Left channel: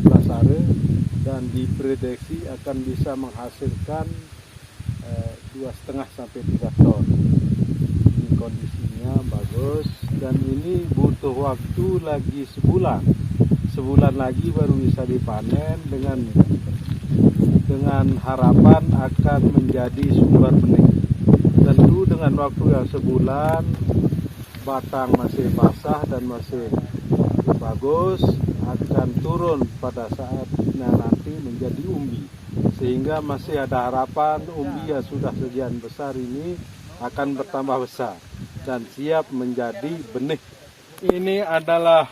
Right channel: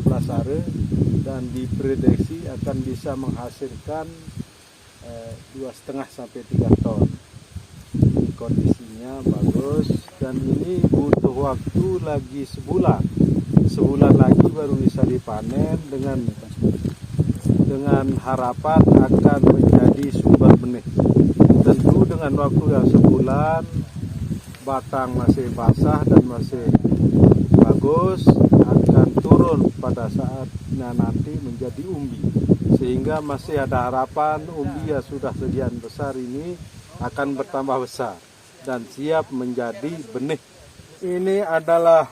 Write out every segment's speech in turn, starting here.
12 hari dan diprediksi akan bisa menghasilkan 2,5 sampai 3 ton. Ini kondisinya bagus dan ini butuh waktu lagi sebulan lagi baru bisa dipanen dengan harapan akan menjadi sumber benih. Tentu dengan waktu yang sebulan batang masih basah dan masih bagus, akan turun pada saatnya nanti menjadi umbi, sehingga masih ada harapan umbi yang sudah sekian besar ini akan bertambah besar dan siap menjadi benih. Ini adalah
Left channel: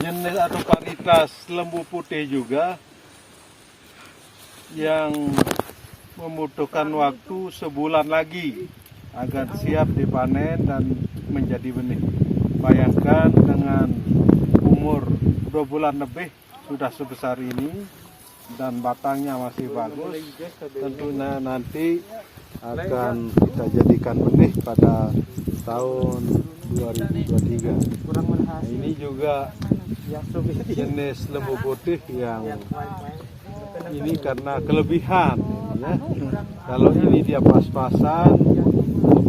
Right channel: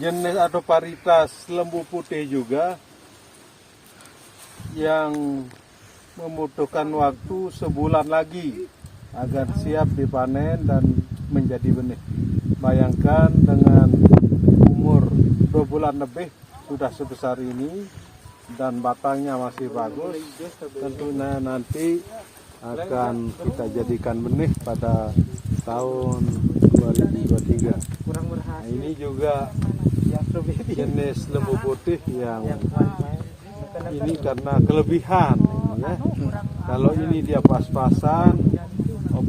jenis atau varietas lembu putih juga yang membutuhkan waktu sebulan lagi agar siap dipanen dan menjadi benih. Bayangkan dengan umur 2 bulan lebih sudah sebesar ini dan batangnya masih bagus, tentunya nanti akan kita jadikan benih pada tahun 2023. Nah, ini juga jenis lembu putih yang ini karena kelebihan ya. Kalau ini dia pas-pasan,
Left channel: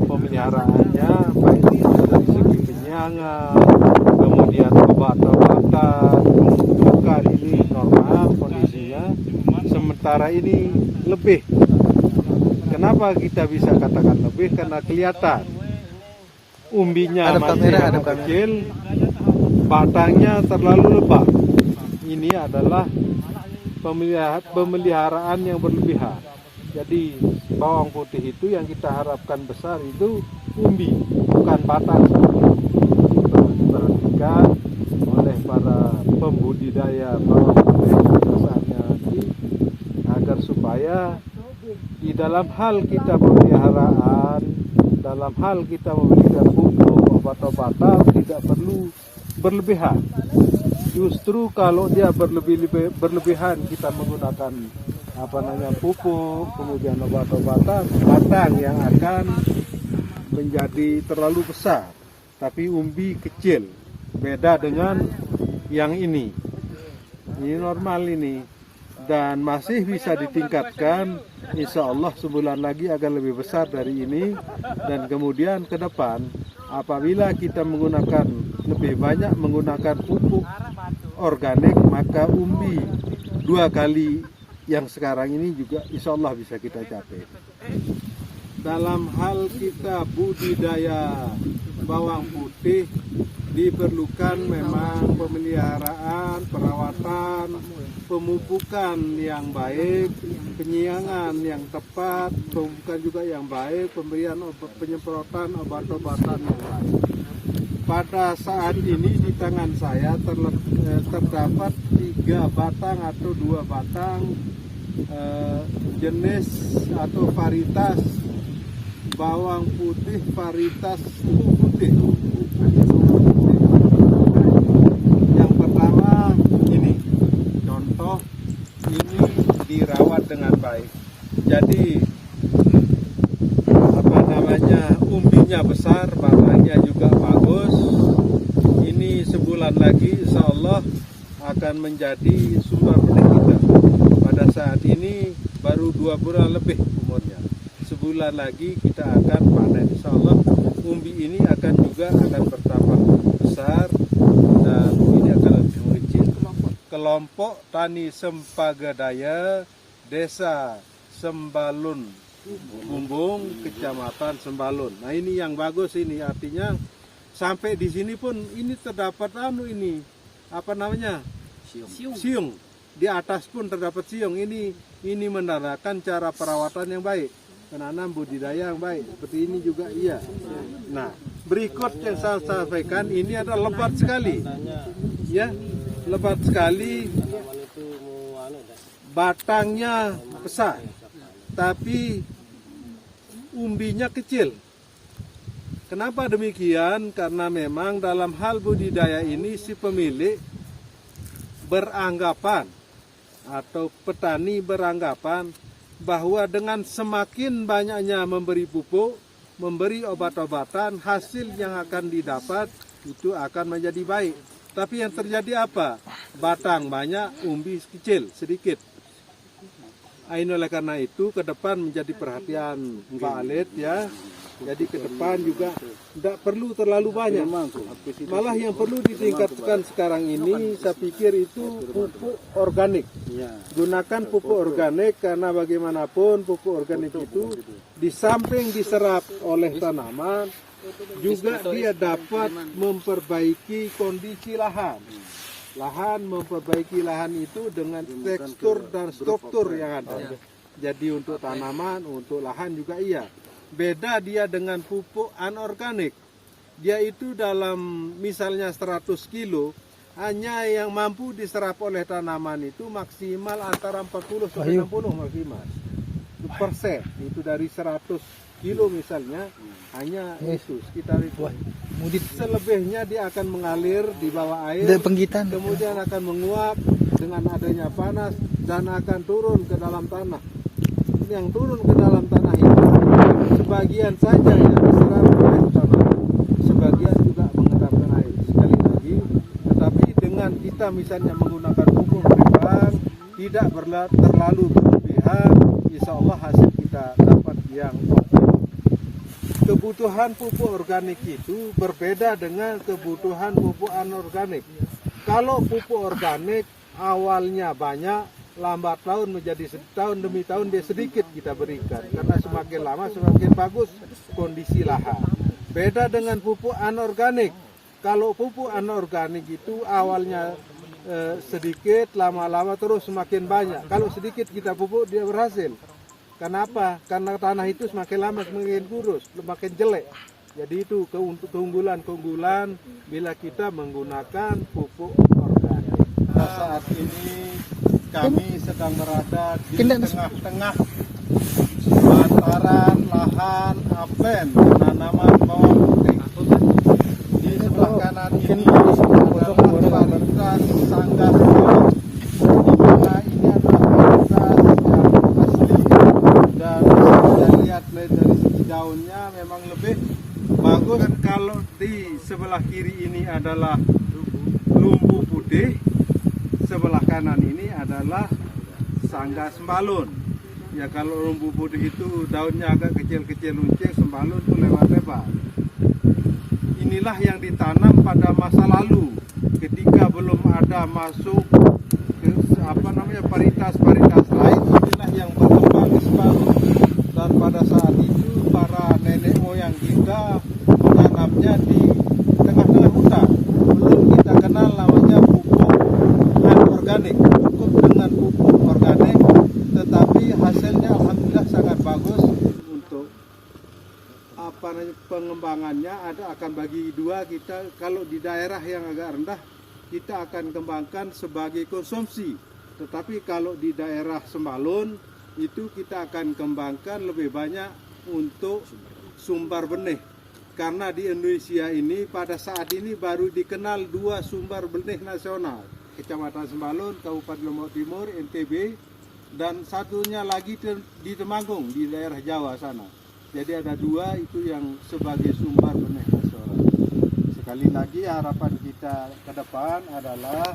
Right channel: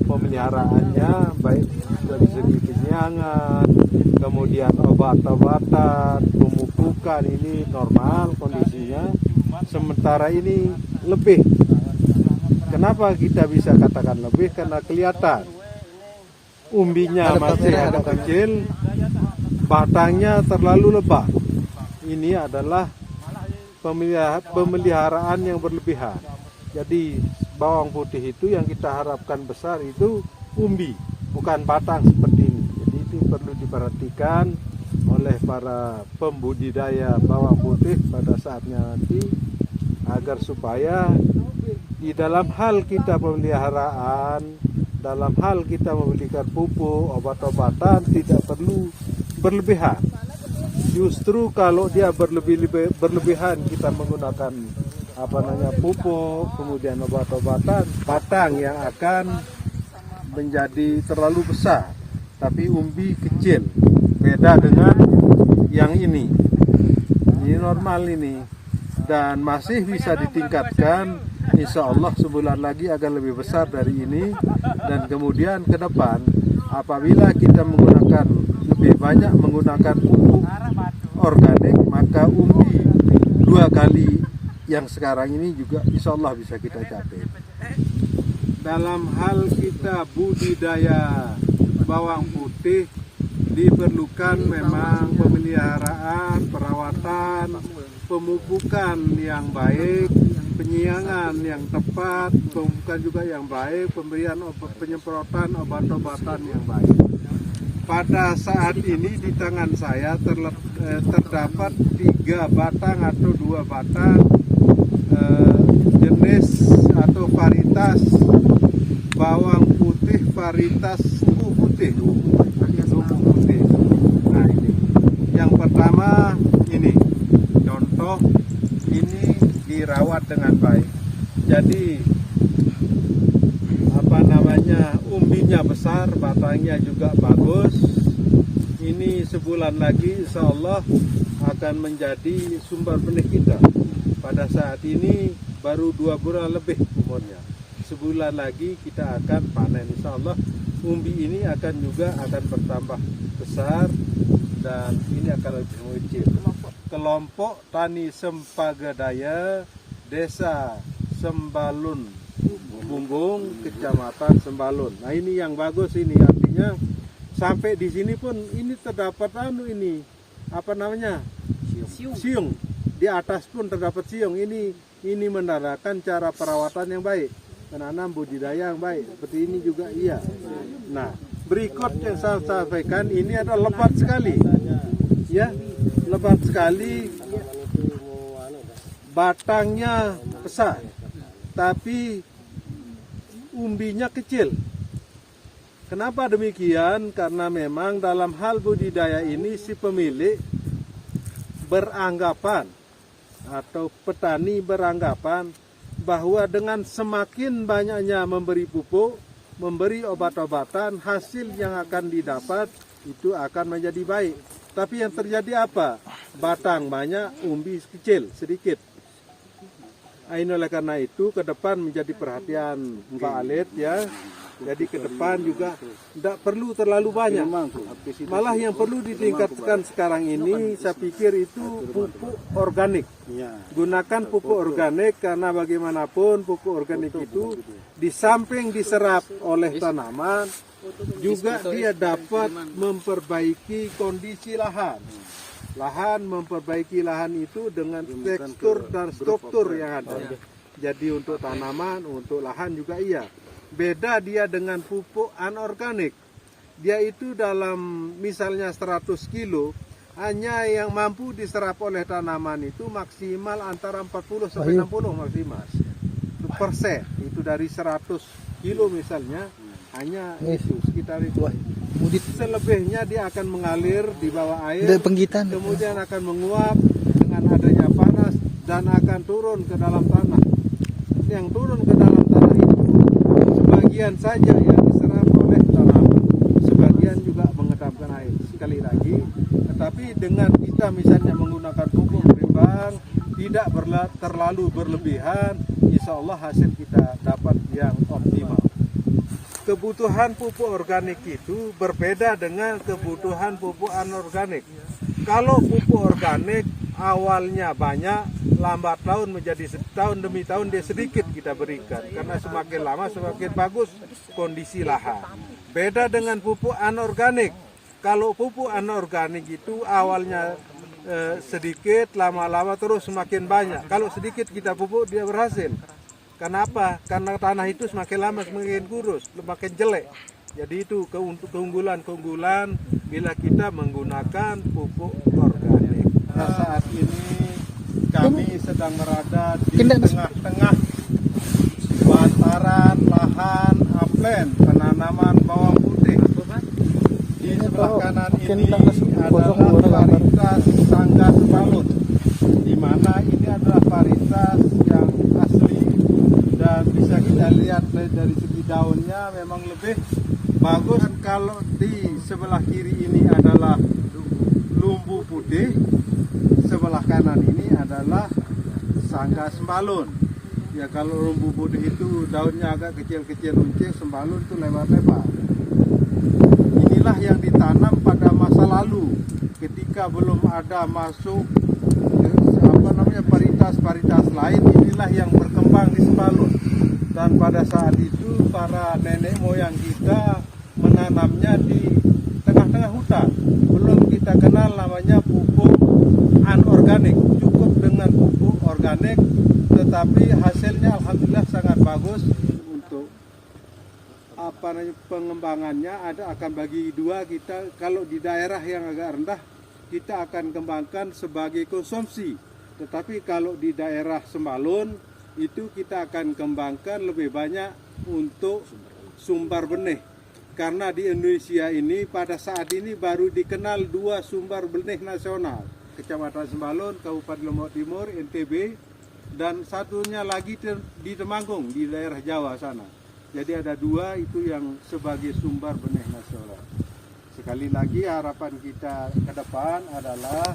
pemeliharaannya baik dari segi penyiangan, kemudian obat-obatan, pemupukan ini normal kondisinya. Sementara ini lebih. Kenapa kita bisa katakan lebih? Karena kelihatan umbinya masih agak kecil, batangnya terlalu lebat. Ini adalah pemeliharaan yang berlebihan. Jadi bawang putih itu yang kita harapkan besar itu umbi, bukan batang seperti ini. Ini perlu diperhatikan oleh para pembudidaya bawang putih pada saatnya nanti, agar supaya di dalam hal kita pemeliharaan, dalam hal kita memberikan pupuk, obat-obatan tidak perlu berlebihan. Justru kalau dia berlebihan kita menggunakan pupuk, kemudian obat-obatan, batang yang akan menjadi terlalu besar, tapi umbi kecil. Beda dengan yang ini normal ini, dan masih bisa ditingkatkan. Insya Allah sebulan lagi akan lebih besar dari ini, dan kemudian ke depan apabila kita menggunakan lebih banyak menggunakan pupuk organik, maka umbi 2 kali yang sekarang ini juga insya Allah bisa kita capai. Dalam hal kita budidaya bawang putih diperlukan memang pemeliharaan, perawatan, pemupukan yang baik, penyiangan yang tepat, pemupukan juga yang baik, pemberian penyemprotan obat-obatan yang baik. Pada saat ini di tangan saya terdapat 3 batang atau 2 batang jenis atau varietas bawang putih, varietas lembu putih. Nah, yang pertama ini contoh, ini dirawat dengan baik. Jadi umbinya besar, batangnya juga bagus. Ini sebulan lagi insya Allah akan menjadi sumber benih kita. Pada saat ini baru 2 bulan lebih umurnya. Sebulan lagi kita akan panen. Insya Allah umbi ini akan bertambah besar dan ini akan lebih mengecil. Kelompok Tani Sempagadaya, Desa Sembalun Bumbung, Kecamatan Sembalun. Nah ini yang bagus, ini artinya sampai di sini pun ini terdapat siung. Di atas pun terdapat siung. Ini menandakan cara perawatan yang baik, penanam budidaya yang baik. Seperti ini juga iya. Nah, berikut yang saya sampaikan ini adalah lebat sekali. Ya, lebat sekali. Batangnya besar, tapi umbinya kecil. Kenapa demikian? Karena memang dalam hal budidaya ini si pemilik beranggapan atau petani beranggapan bahwa dengan semakin banyaknya memberi pupuk, memberi obat-obatan, hasil yang akan didapat itu akan menjadi baik. Tapi yang terjadi apa? Batang banyak, umbi kecil, sedikit. Ini oleh karena itu ke depan menjadi perhatian Pak Alit ya. Jadi ke depan juga tidak perlu terlalu banyak. Malah yang perlu ditingkatkan sekarang ini saya pikir itu pupuk organik. Gunakan pupuk organik karena bagaimanapun pupuk organik itu di samping diserap oleh tanaman juga dia dapat memperbaiki kondisi lahan. Memperbaiki lahan itu dengan tekstur dan struktur yang ada. Jadi untuk tanaman, untuk lahan juga iya. Beda dia dengan pupuk anorganik. Dia itu dalam misalnya 100 kilo, hanya yang mampu diserap oleh tanaman itu maksimal antara 40 sampai 60 maksimal. Persen itu dari 100 kilo misalnya, hanya itu sekitar itu. Selebihnya dia akan mengalir di bawah air, kemudian akan menguap dengan adanya panas dan akan turun ke dalam tanah. Yang turun ke dalam tanah itu sebagian saja yang diserap oleh tanah, sebagian juga mengendapkan air. Sekali lagi, tetapi dengan kita misalnya menggunakan pupuk berkembang, tidak terlalu berlebihan, insya Allah hasil kita dapat yang optimal. Kebutuhan pupuk organik itu berbeda dengan kebutuhan pupuk anorganik. Kalau pupuk organik awalnya banyak, lambat laun menjadi setahun demi tahun dia sedikit kita berikan. Karena semakin lama semakin bagus kondisi lahan. Beda dengan pupuk anorganik. Kalau pupuk anorganik itu awalnya sedikit, lama-lama terus semakin banyak. Kalau sedikit kita pupuk dia berhasil. Kenapa? Karena tanah itu semakin lama semakin kurus, semakin jelek. Jadi itu keunggulan bila kita menggunakan pupuk organik. Nah, saat ini kami sedang berada di tengah-tengah bantaran lahan aplen penanaman bawang putih. Di sebelah kanan ini adalah varietas Sangga Sembalun, di mana ini adalah varietas yang asli dan bisa lihat dari segi daunnya memang lebih bagus. Dan kalau di sebelah kiri ini adalah lumbu putih, sebelah kanan ini adalah Sangga Sembalun. Ya kalau lumbu putih itu daunnya agak kecil-kecil luncing, sembalun itu lebar-lebar. Inilah yang ditanam pada masa lalu ketika belum ada masuk varietas lain. Inilah yang berkembang di Sembalun. Dan pada saat itu para nenek moyang kita menanamnya di tengah-tengah hutan. Belum kita kenal namanya pupuk anorganik. Cukup dengan pupuk organik, tetapi hasilnya alhamdulillah sangat bagus. Untuk pengembangannya akan bagi dua. Kita kalau di daerah yang agak rendah kita akan kembangkan sebagai konsumsi, tetapi kalau di daerah Sembalun itu kita akan kembangkan lebih banyak untuk sumber benih. Karena di Indonesia ini pada saat ini baru dikenal dua sumber benih nasional, Kecamatan Sembalun, Kabupaten Lombok Timur, NTB, dan satunya lagi di Temanggung di daerah Jawa sana. Jadi ada dua itu yang sebagai sumber benih nasional. Sekali lagi harapan kita ke depan adalah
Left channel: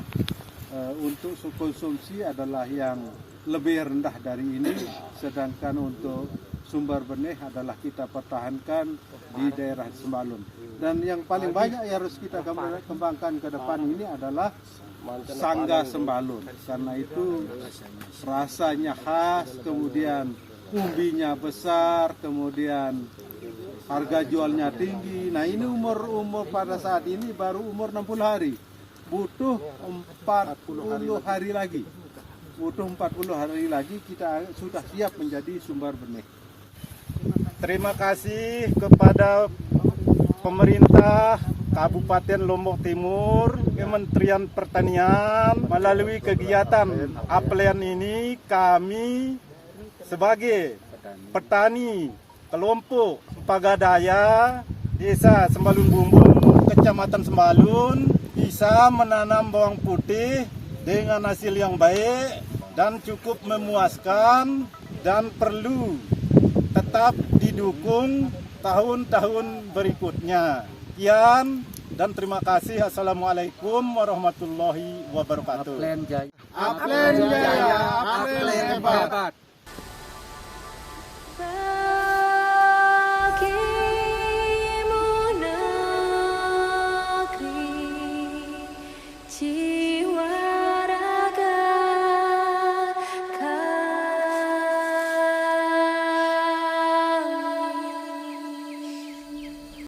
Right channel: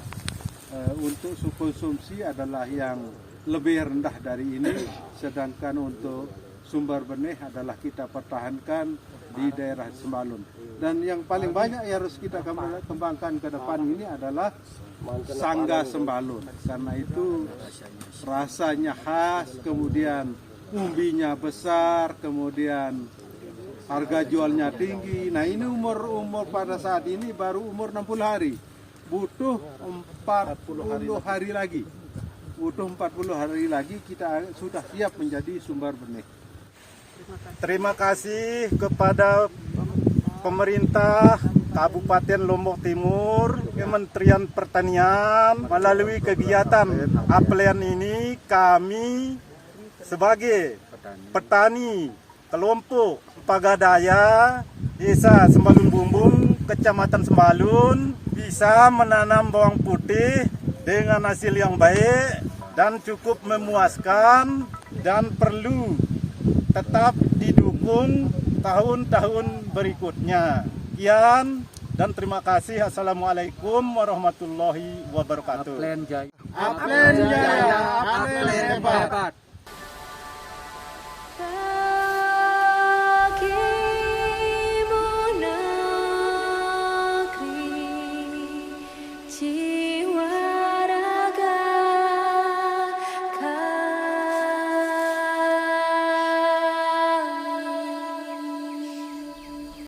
untuk konsumsi adalah yang lebih rendah dari ini, sedangkan untuk sumber benih adalah kita pertahankan di daerah Sembalun. Dan yang paling banyak yang harus kita kembangkan ke depan ini adalah Sangga Sembalun, karena itu rasanya khas, kemudian umbinya besar, kemudian harga jualnya tinggi. Nah ini umur pada saat ini baru umur 60 hari, butuh 40 hari lagi. Butuh 40 hari lagi kita sudah siap menjadi sumber benih. Terima kasih kepada pemerintah Kabupaten Lombok Timur, Kementerian Pertanian. Melalui kegiatan aplen ini kami sebagai petani kelompok Pagadaya Desa Sembalun Bumbung, Kecamatan Sembalun, bisa menanam bawang putih dengan hasil yang baik dan cukup memuaskan, dan perlu tetap didukung tahun-tahun berikutnya. Sekian, Dan terima kasih. Assalamualaikum warahmatullahi wabarakatuh. Aplen Jaya. Aplen Jaya, Aplen hebat.